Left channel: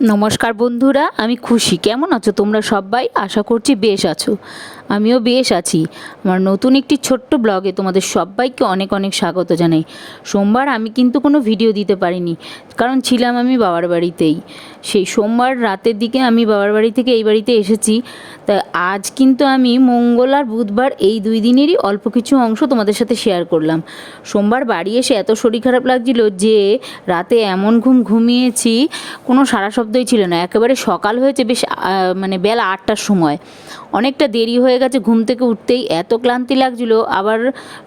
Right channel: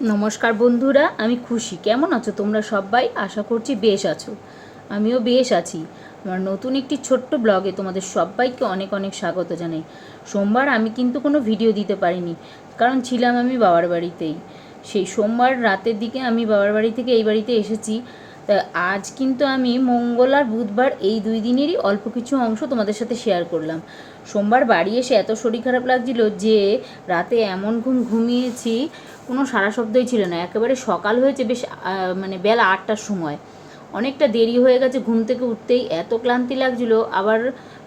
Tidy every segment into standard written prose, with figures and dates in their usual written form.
নমস্কার বন্ধুরা, আমি খুশি। কেমন আছো তোমরা সবাই? আশা করছি বেশ আছো। আমিও বেশ আছি। আমার নতুন একটি ছোট্ট ব্লগে তোমাদের সবাইকে অনেক অনেক স্বাগত জানাই। সোমবার আমি কিন্তু কোনো ভিডিও দিতে পারিনি, কারণ ছিলাম আমি বাবার বাড়িতেই। সেই সোমবার রাতের দিকে আমি বাবার বাড়ি থেকে এই বাড়িতে এসেছি। তা আজ কিন্তু আমি মঙ্গল আর বুধবার এই 2 দিনেরই অল্প কিছু অংশ তোমাদের সাথে শেয়ার করলাম। সোমবার বাড়ি এসে এত শরীর খারাপ লাগছিল যে রাতে এমন ঘুমিয়েছি, কোনো সারা শব্দই ছিল না। একেবারে সকাল হয়েছে বেশ মানে বেলা 8টার সময়। অনেকটা দেরি হয়ে গেছে, ঘুম থেকে উঠতেই এত ক্লান্তি লাগছিল, আবার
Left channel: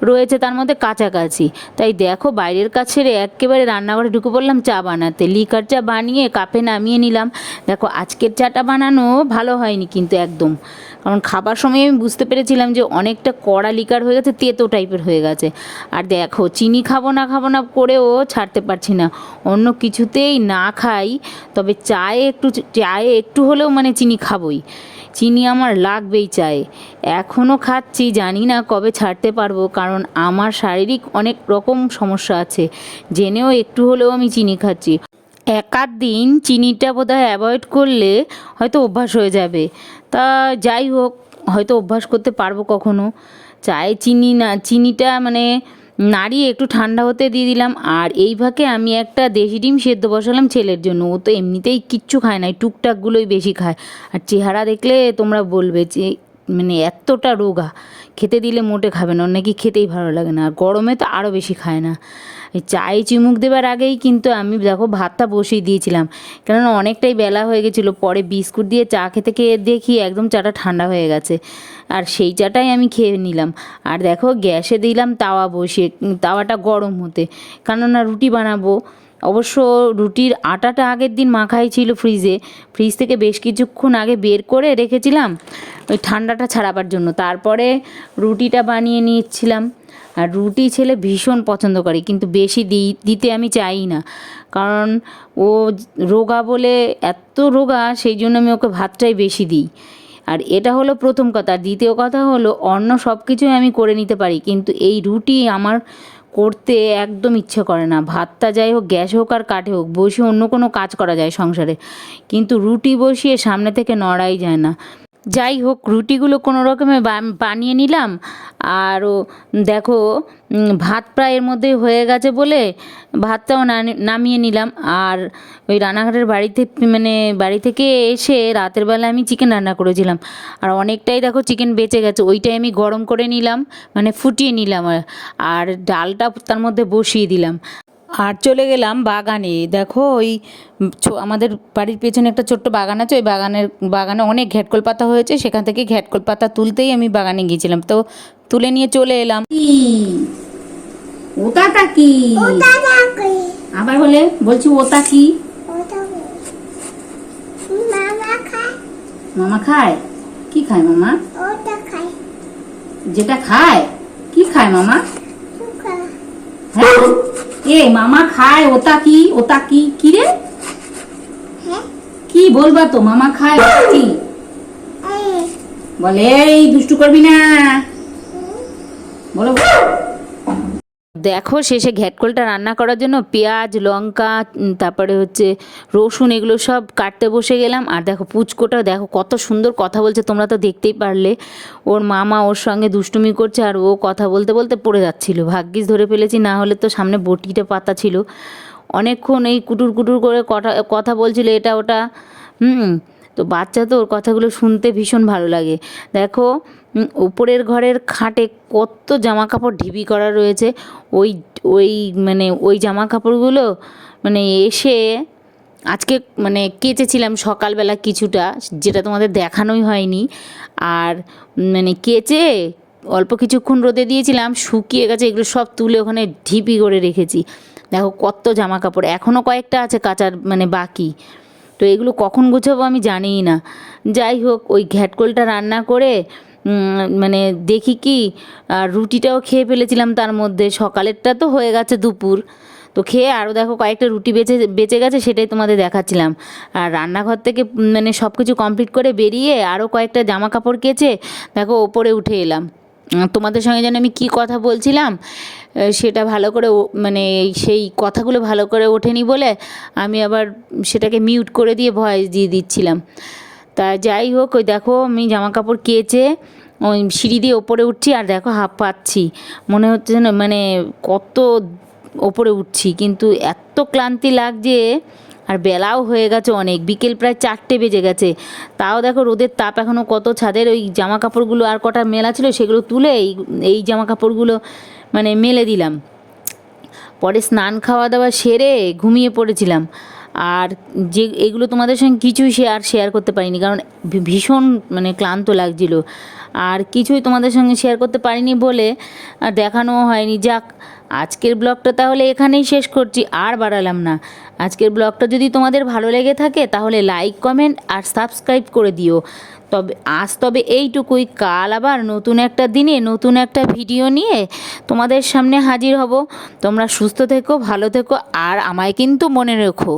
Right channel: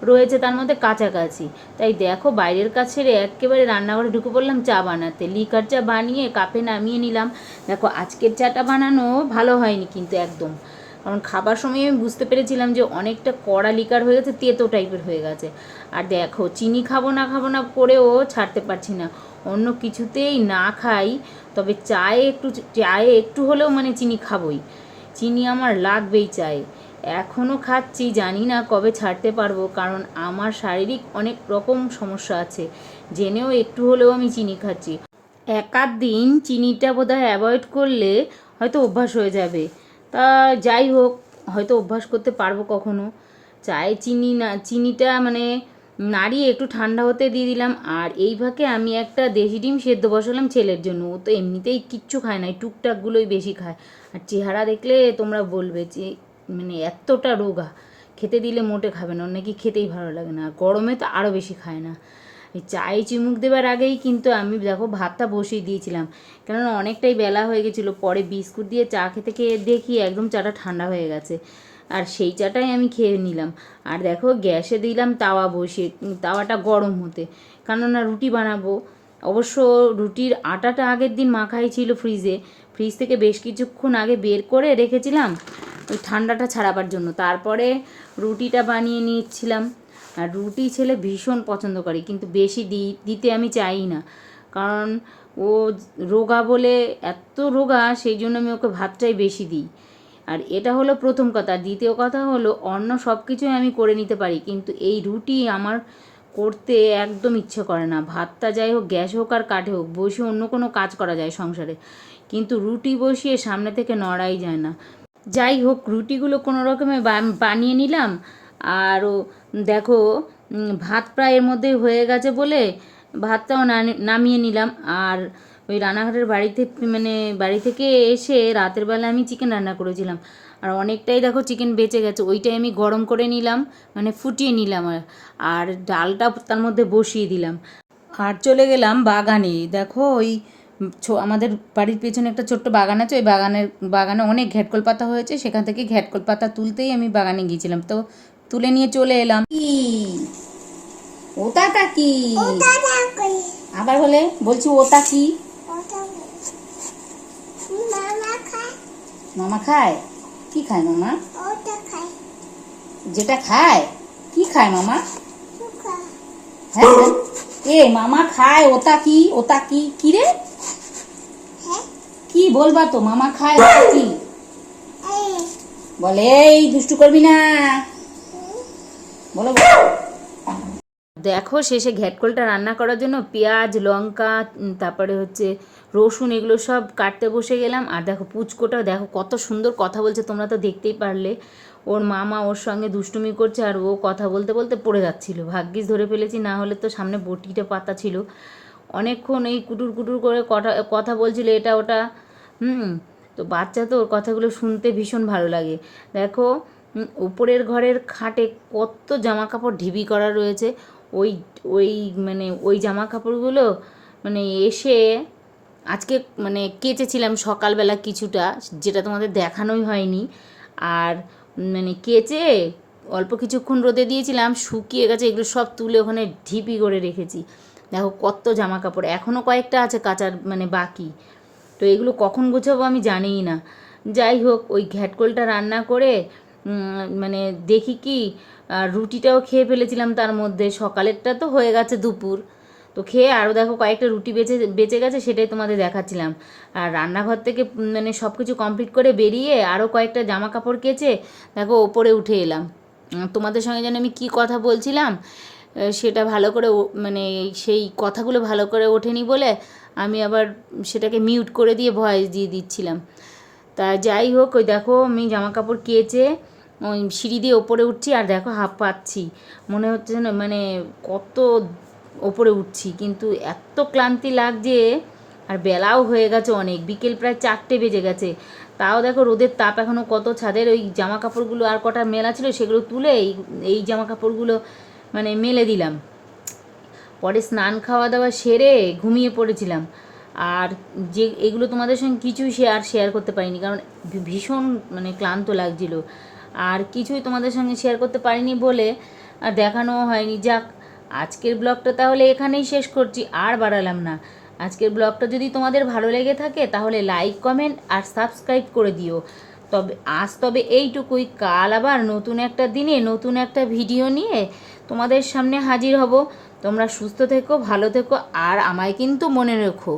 রয়েছে তার মধ্যে কাছাকাছি। তাই দেখো বাইরের কাজ ছেড়ে একেবারে রান্নাঘরে ঢুকে পড়লাম চা বানাতে। লিকার চা বানিয়ে কাপে নামিয়ে নিলাম। দেখো আজকের চাটা বানানো ভালো হয়নি কিন্তু একদম, কারণ খাবার সময় আমি বুঝতে পেরেছিলাম যে অনেকটা কড়া লিকার হয়ে গেছে, তেতো টাইপের হয়ে গেছে। আর দেখো চিনি খাবো না করেও ছাড়তে পারছি না। অন্য কিছুতেই না খাই, তবে চায়ে একটু হলেও মানে চিনি খাবই। চিনি আমার লাগবেই চায়ে। এখনও খাচ্ছি, জানি না কবে ছাড়তে পারবো, কারণ আমার শারীরিক অনেক রকম সমস্যা আছে, জেনেও একটু হলেও আমি চিনি খাচ্ছি। এক আধ দিন চিনিটা বোধহয় অ্যাভয়েড করলে হয়তো অভ্যাস হয়ে যাবে। তা যাই হোক, হয়তো অভ্যাস করতে পারবো কখনো। চায়ে চিনিটা মানে নাড়িয়ে একটু ঠান্ডা হতে দিয়ে দিলাম। আর এই ফাঁকে আমি একটা দেশি ডিম সেদ্ধ বসালাম ছেলের জন্য। ও তো এমনিতেই কিচ্ছু খায় না, এই টুকটাকগুলোই বেশি খায়। আর চেহারা দেখলে তোমরা বলবে যে মানে এতটা রোগা, খেতে দিলে মোটে খাবে না, ওর নাকি খেতেই ভালো লাগে না। আর গরমে তো আরও বেশি খায় না। এই চায়ে চিমুক দেবার আগেই কিন্তু আমি দেখো ভাতটা বসিয়ে দিয়েছিলাম, কেননা অনেকটাই বেলা হয়ে গেছিলো। পরে বিস্কুট দিয়ে চা খেতে খেয়ে দেখি একদম চাটা ঠান্ডা হয়ে গেছে, আর সেই চাটাই আমি খেয়ে নিলাম। আর দেখো গ্যাসে দিলাম তাওয়া বসিয়ে, তাওয়াটা গরম হতে, কেননা রুটি বানাবো। অবশ্য রুটির আটাটা আগের দিন মাখাই ছিল ফ্রিজ থেকে বেশ কিছুক্ষণ আগে বের করে রেখেছিলাম ওই ঠান্ডাটা ছাড়াবার জন্য। তারপরে রুটিটা বানিয়ে নিচ্ছিলাম। আর রুটি ছেলে ভীষণ পছন্দ করে, কিন্তু বেশি দিতে আমি চাই না, কারণ ও রোগা বলে, এত রোগা, সেই জন্য আমি ওকে ভাতটাই বেশি দিই। আর এটা হলো প্রথম কথা। দ্বিতীয় কথা হলো অন্য সব কিছুই আমি করে নিতে পারি, কিন্তু এই রুটি আমার করতে একদম ইচ্ছে করে না। ভাতটা যাই হোক, গ্যাস হোক আর কাঠে হোক, বসে অন্য কোনো কাজ করা যায় সংসারে, কিন্তু রুটি বসিয়ে সামনে থেকে নড়াই যায় না। যাই হোক, রুটিগুলো কোনো রকমে বানিয়ে নিলাম। আরও দেখো ভাত প্রায় এর মধ্যে হয়ে গেছে বলে ভাতটাও নামিয়ে নিলাম। আর ওই রানাঘাটের বাড়ি থেকে এসে রাতের বেলা আমি চিকেন রান্না করেছিলাম, আর অনেকটাই দেখো চিকেন বেঁচে গেছে। ওইটাই আমি গরম করে নিলাম, মানে ফুটিয়ে নিলাম। আর ডালটা তার মধ্যে বসিয়ে দিলাম। আর চলে গেলাম বাগানে। দেখো ওই আমাদের বাড়ির পেছনে একটা ছোট্ট বাগান আছে, ওই বাগানে অনেক ঘ্যাটকল পাতা হয়েছে। সেখান থেকে ঘ্যাটকল পাতা তুলতেই আমি বাগানে গিয়েছিলাম, তো তুলে নিয়ে চলে এলাম। ওটা কি আবার বলে বলছি, ওটা কি? মামা খায়? কি খায় মামা? যেটা খায় কি খায় মামা? হ্যাঁ, এ মামা খায় ওটা কি? ওটা কি? কি রে, কি বলবা তো? মামা খায় ওটা কি বলে? এই দুষ্টু করবি না, বলো। দেখো শেষে ঘ্যাটকলটা রান্না করার জন্য পেঁয়াজ, লঙ্কা, তারপরে হচ্ছে রসুন, এগুলো সব কাটতে বসে গেলাম। আর দেখো পুচকোটা দেখো কত সুন্দর কথা বলছে, তোমরা তো দেখতেই পারলে। ওর মামা ওর সঙ্গে দুষ্টুমি করছে, আর ও কথা বলতে বলতে পড়ে যাচ্ছিল। ভাগ্যিস ধরে ফেলেছি, না হলে তো সামনে বটিটা পাতা ছিল। অনেকক্ষণ এই কুটুর কুটুর করে কথা বলছিল এটা ওটা। তো বাচ্চা তো, ওর কথাগুলো শুনতে ভীষণ ভালো লাগে। দেখো উপরের ঘরের খাটে কত জামা কাপড় ঢিবি করা রয়েছে। ওই ওই ওই জামা কাপড়গুলো এসে আজকে কেচেছিলাম সকালবেলা কিছুটা, যেটা তোমাদের দেখানোই হয়নি। আর কেচে অল্প কিছুক্ষণ রোদে দিয়েছিলাম, শুকিয়ে গেছে। এগুলো সব তুলে ওখানে ঢিপি করে রেখেছি। দেখো কত জামা কাপড়, এখনও কয়েকটা আছে কাচার বাকি। তো এগুলো কখন গোছাবো আমি জানিই না। যাই হোক, ওই ঘ্যাটকলটা রান্না করে দেখি কি, আর রুটিটাও খেয়ে ফেলেছিলাম তার মধ্যে। সকালেরটা তো হয়ে গেছে দুপুর, তো খেয়ে আরও দেখো কয়েকটা রুটি বেঁচে গেছে, সেটাই তোমাদের দেখাচ্ছিলাম। আর রান্নাঘর থেকে সব কিছু কমপ্লিট করে বেরিয়ে আরও কয়েকটা জামা কাপড় কেচে দেখো ওপরে উঠে এলাম। তোমাদের সঙ্গে যেন আমি কী কথা বলছিলাম, সেটা ভালো করে মানে সেই কথাগুলো ভালো করে ওঠেনি বলে আমি আবার সেটাকে মিউট করে দিয়ে ভয়েস দিয়ে দিচ্ছিলাম। তা যাই হোক, ওই দেখো আমি জামা কাপড় কেচে ওই সিঁড়ি দিয়ে ওপরে উঠছি, আর দেখো হাঁপ পাচ্ছি, মনে হচ্ছে যেন মানে কত ওপরে উঠছি, কিন্তু এত ক্লান্তি লাগছে। আর বেলাও হয়ে গেছে অনেক, বিকেল প্রায় 4টে বেজে গেছে। তাও দেখো রোদের তাপ এখনও কত, ছাদের ওই জামা কাপড়গুলো আর কটা মেলা ছিল সেগুলো তুলে এই জামা কাপড়গুলো মানে মেলে দিলাম। পরে স্নান খাওয়া দাওয়া সেরে ঘুমিয়ে পড়েছিলাম। আর যে এগুলো তোমাদের সঙ্গে কিছুই শেয়ার করতে পারিনি, কারণ ভীষণ মানে ক্লান্ত লাগছিল। আর কিছুই তোমাদের সঙ্গে শেয়ার করতে পারিনি বলে আর দেখানোও হয়নি। যাক, আজকের ব্লগটা তাহলে এখানেই শেষ করছি, আর বাড়ালাম না। আজকের ব্লগটা যদি তোমাদের ভালো লেগে থাকে তাহলে লাইক, কমেন্ট আর সাবস্ক্রাইব করে দিও। তবে এইটুকুই, কাল আবার নতুন একটা দিনে নতুন একটা ভিডিও নিয়ে তোমাদের সামনে হাজির হব। তোমরা সুস্থ থেকো, ভালো থেকো, আর আমায় কিন্তু মনে রেখো।